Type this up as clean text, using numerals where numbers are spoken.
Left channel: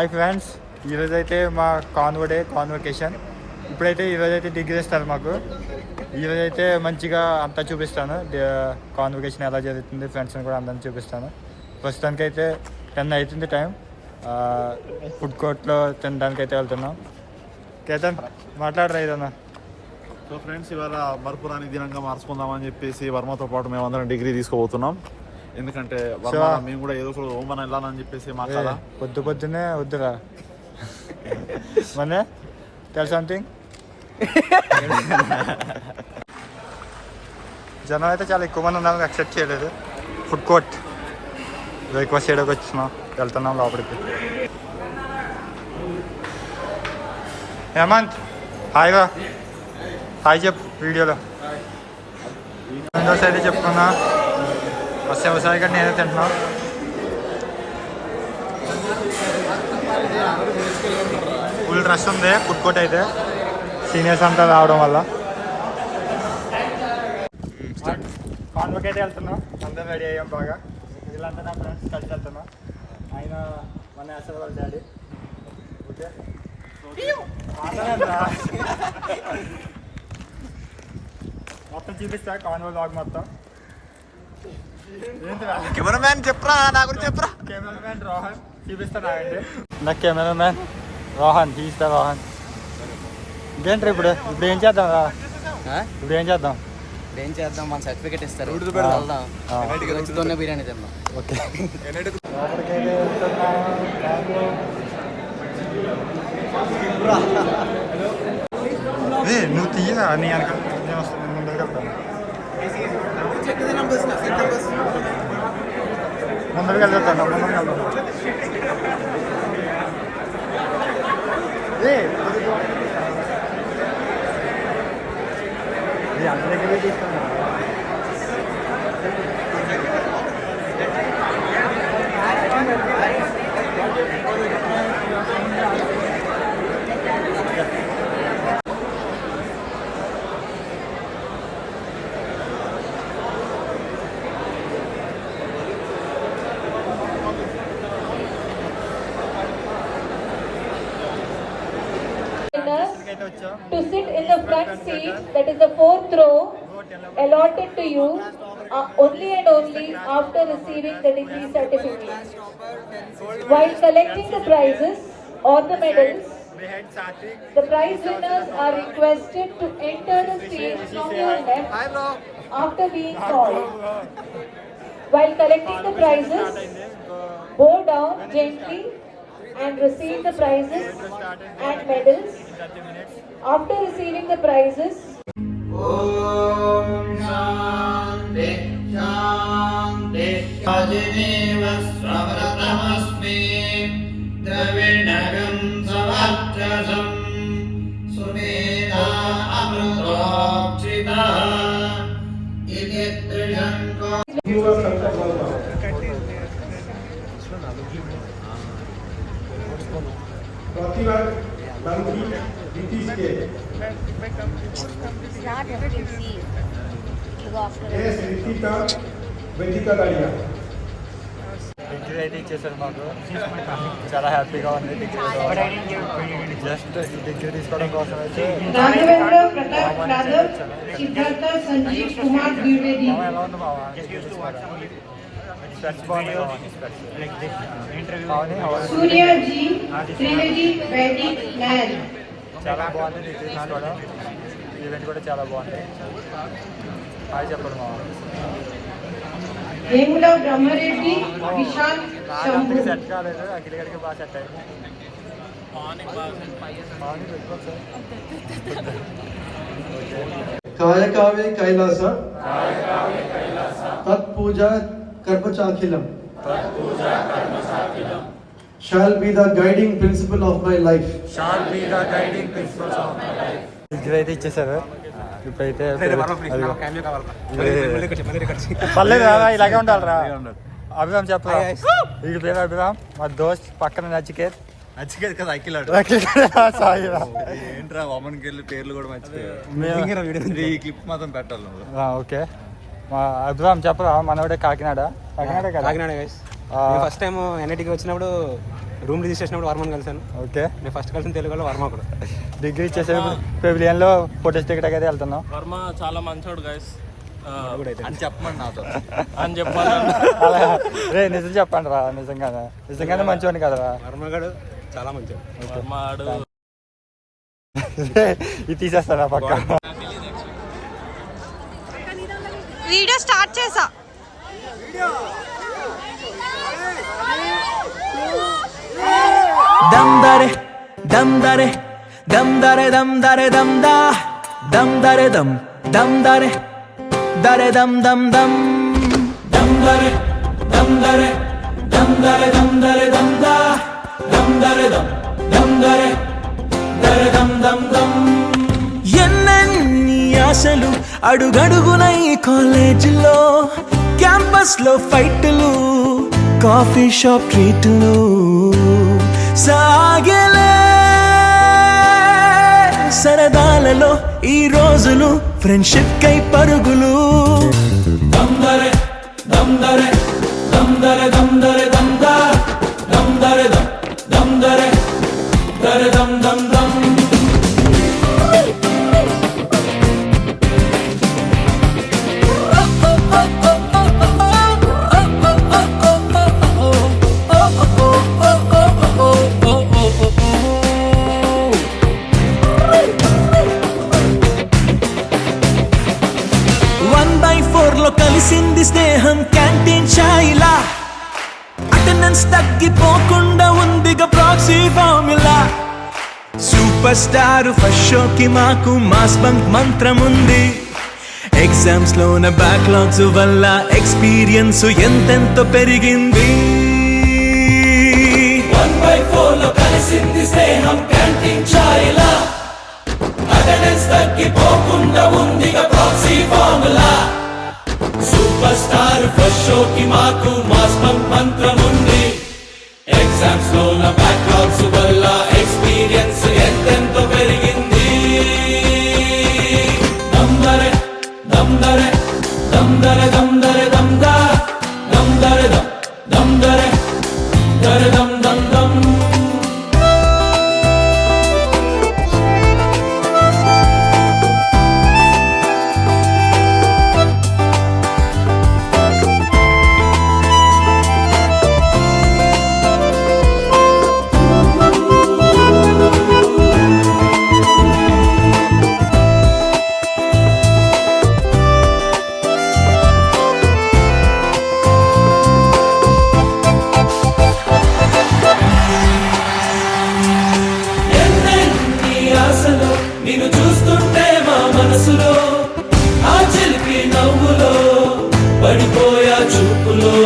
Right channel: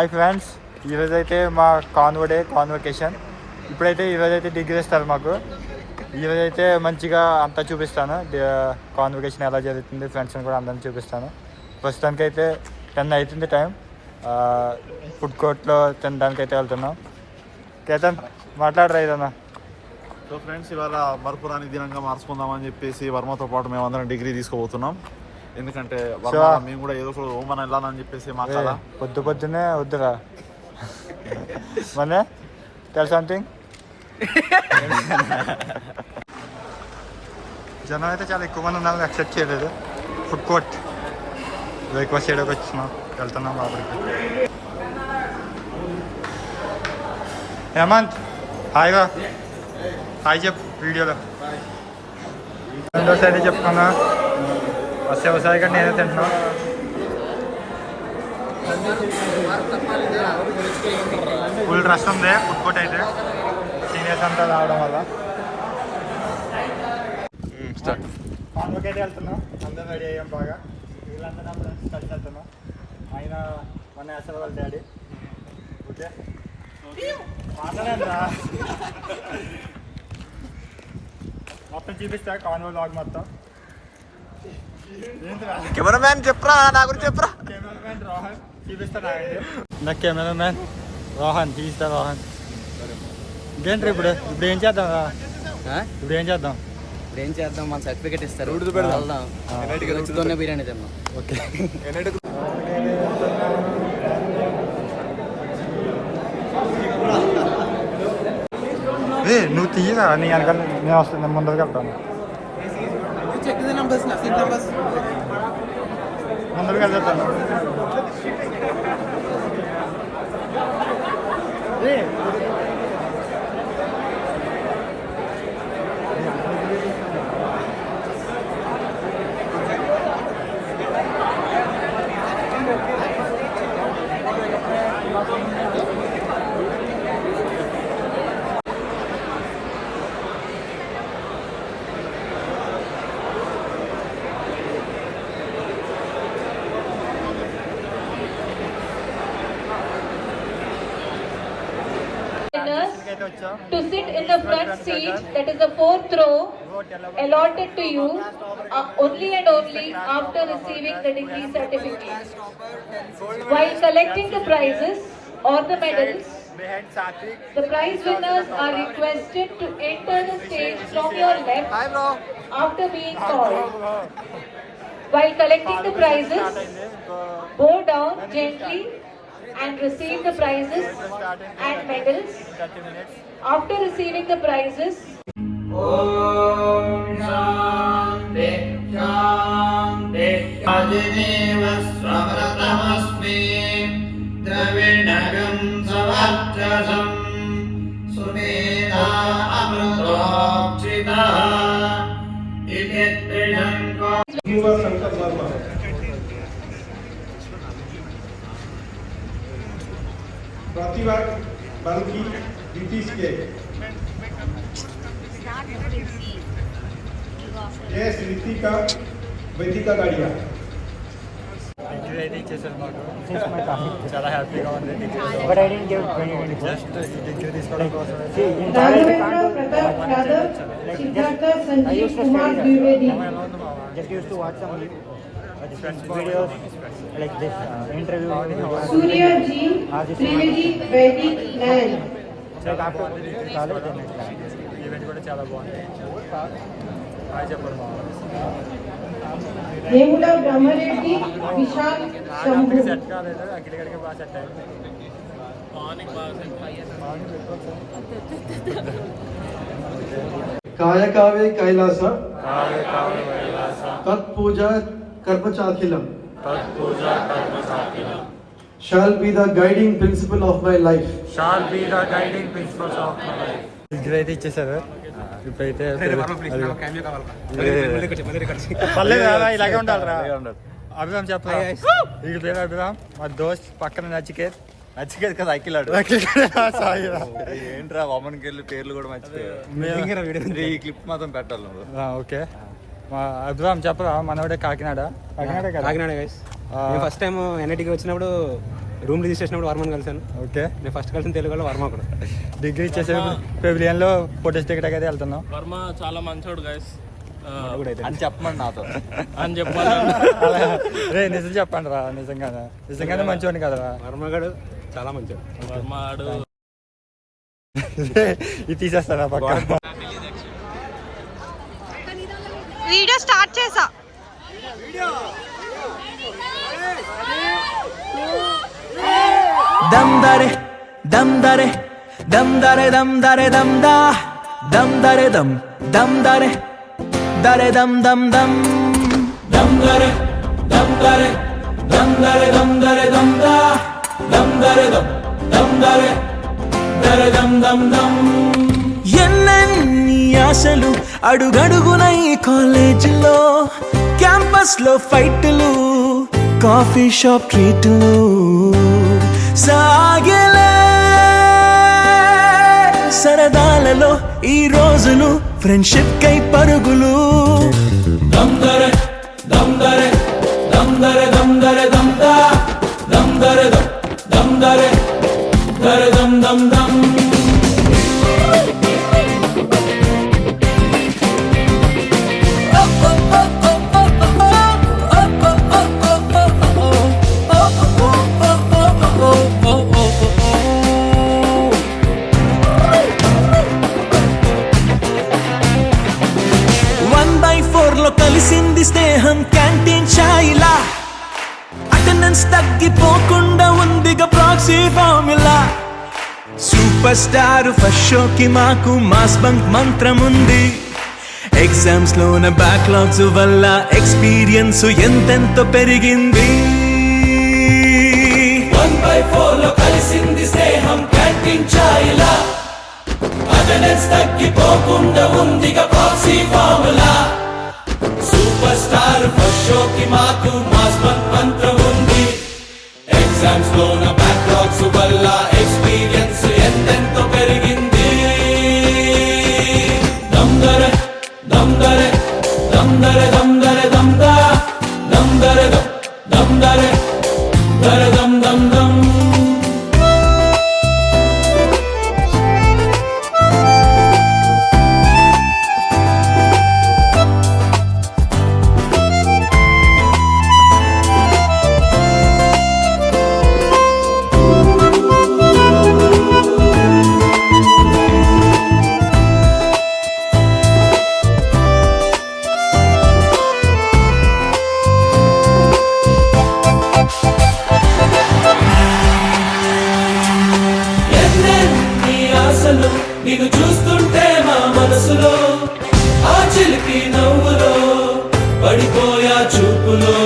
Hi friends, ఈరోజైతే మా convocation. ఇప్పుడైతే ఈరోజైతే డిగ్రీ ఇస్తారు మాకు. ఈరోజైతే మంచిగా అంతా చూపిస్తాను, కాన్వకేషన్ ఎలా జరుగుతుంది, ఫ్రెండ్స్ని కూడా అందరిని చూపిస్తాను. ప్రస్తుతానికి అయితే 10 అవుతుంది టైం. ఫుడ్ కోర్ట్లో తినడానికి అయితే వెళ్తున్నాం. కేతన్ మాట్లాడరా ఏదన్నా. సో ఫ్రెండ్స్, ఇవాళ మరపురాని దినంగా మార్చుకుందామని చెప్పేసి వర్మతో పాటు మేము అందరం డిగ్రీ తీసుకోబోతున్నాం. ఎందుకంటే మేము కూడా ఏదో ఒక ఓమన్ వెళ్ళాలని చెప్పేసి మాట్లాడాలి. పొద్దునే వద్దురా మనే టెల్ సంథింగ్. జనం అయితే చాలా ఎక్కువ మంది ఉన్నారని ఎక్సెప్ట్ చేయలేదు. ఫుడ్ కోర్ట్ బ్రేక్ఫాస్ట్ చేయడానికి వచ్చినాం, వెళ్తున్నాం లోపలికి. హేమంత్ హాయ్ రా, హాయ్ చెప్పు వీడియోలో. రెండోసారి అయితే చెప్పుకున్నా, వ్యవసాయ గడ్డ నేనే తింటున్నా. ఫుల్ రష్ ఉంది ఫుడ్ కోర్ట్ అయితే, సీనియర్స్ అంతా రావడం వల్ల. కాన్వకి అయితే వెళ్తున్నాం, అందరం రెడీ అయ్యాం బాగా. వీళ్ళంతా నా ఫ్రెండ్స్ కలిసి వెళ్తున్నాం. ఆయన మన అసలు వాళ్ళ డాడీ. ఓకే మాట్లాడండి, మొత్తం చూపిస్తా కాన్వో లాగ్ మొత్తం. కెమెరామ్యాన్ చెప్పరా, నా గురించి చెప్పరా. కెమెరామ్యాన్ రోహన్ చూపిస్తాను. నా కెమెరామ్యాన్ రోహన్, తీస్తా రోహన్. ఇంకేంటి ఇప్పుడు ఏం చేద్దాం రా? ఇప్పుడు ఏం చేద్దాం మన సర్టిఫికేట్ ఇస్తారు, బిర్యానీ తిన్నాం. ఓకే నువ్వు తీయరా, నీ వెనకాల నేను వస్తాను, నేను ముందరికి వెళ్తాను. ముందరికి వెళ్తాను. To sit in the front seat, that is the 4th row, allotted to you only and only after receiving the degree certificate. While collecting the prizes or the medals, the prize winners are requested to enter the stage from your left after being called. While collecting the prizes, bow down gently and receive the prizes and medals. After receiving the prizes, Om Shanti Shanti Adineva Svamratamasmi Dravinagam Savatrasam Sumedha Amrutokshita Iditrishanko Yuva Sankar Verma. प्रतिभा बालकी नीतीश के S Ritika वेदिका गाड़िया. Degree అయితే ఇచ్చేసారు మాకు, చాలా హ్యాపీగా ఉంది. Just ఈ degree తీసుకోవడం కోసం అయితే ఎలా ఉంది మావా? చాలా బాగుంది డిగ్రీ తీసుకోవడం. ఈవెంట్ కూడా చాలా బాగుంది. హాయ్ చెప్పండి మా అంతగా సెట్ కాలేదు, అక్కడి గడికి బాగా సెట్ అయింది. కాయకావే కైలాస తత్పూజ కర్మచాఖిలం shall be the guiding principle of my life. Degree అయితే ఇచ్చేసారు. ఇప్పుడైతే ఇలాగే ఉండాలిరా. అభిరామ్ చెప్పరా, వీడి పేరు అభిరామ్, మా దోస్త్ పక్కన నచికేత్ కదా అఖిలాడు. ఏంట్రా వామన్కి వెళ్ళి పేర్లు కూడా మర్చిపోయారు. ఈ క్లిప్ మాత్రం పెట్టాలి. ఓకే మా అభిరామ్ చెప్పరా, మనవాడే Kakinada. Kakinada guys. First time ఎన్ఐటీకి వచ్చినప్పుడు రూమ్ రిజిస్టర్ చేసినప్పుడు వర్మని కలిసాను. ఓకే. నేను ఫస్ట్ కలిసిన తెలుగులో వర్మ కూడా. డిగ్రీ చేసేప్పుడు పెవిలియన్లో ఫోటోస్ దిగడానికి అయితే వెళ్తున్నాం. వర్మ చాలా మంచోడు గైస్ అని చెప్పమని నాతో అని చెప్పాలి. అలా రే నిజం చెప్పండి రా, నిజంగానే మంచివాడిని కదరా. వర్మ గడు చాలా మంచిది. వర్మ ఆడు ఇది తీసేస్తారా పక్క. వీడియో స్టార్ట్ చేసా. దమ్ దరే దమ్ దరే దమ్ దరే దమ్ దరే దమ్ దా దమ్ దరే దమ్ దమ్ దరే దరే దమ్ దమ్ దమ్ దమ్ దరే దమ్ దరే దమ్ దరే దమ్ దరే దమ్ దా దమ్ దరే దమ్ దరే దరే దమ్ దమ్ దమ్. ఎన్నెన్ని ఆశలు అడుగడుగున ఈ కాలేజీలో, క్యాంపస్ లో ఫైట్లు, కాఫీ షాప్ ట్రీట్లు సాగలే. సరదాలలో ఈ రోజులు ఫ్రెండ్షిప్ కై పరుగులు. దమ్ దరే దమ్ దరే దమ్ దరే దమ్ దరే దమ్ దా దమ్ దరే దమ్ దరే దరే దమ్ దమ్ దమ్. కలిసింది స్నేహం క్యాంటీన్ ఛాయిలా, అటెండెన్స్ తగ్గిపోకుండా ఉందిగా proxy formula. Super star first షోకి మాకు మాస్ బంక్ మంత్రం ఉంది. ఎగ్జామ్స్ లోన బ్యాక్లాగ్స్ వల్ల ఎక్స్పీరియన్స్ ఎంతెంతో పెరిగింది. 1/4 లో కలిసింది స్నేహం క్యాంటీన్ ఛాయిలా, అటెండెన్స్ తగ్గిపోకుండా ఉందిగా proxy formula. Super star first షోకి మాకు మాస్ బంక్ మంత్రం ఉంది. ఎగ్జామ్స్ లోన బ్యాక్లాగ్స్ వల్ల ఎక్స్పీరియన్స్ ఎంతెంతో పెరిగింది. దమ్ దరే దమ్ దరే దమ్ దరే దమ్ దరే దమ్ దా దమ్ దరే దమ్ దరే దరే దమ్ దమ్ దమ్. నిన్ను చూస్తుంటే మా మనసులో ఆ చిలిపి నవ్వులో పడిపోయా చూపులో.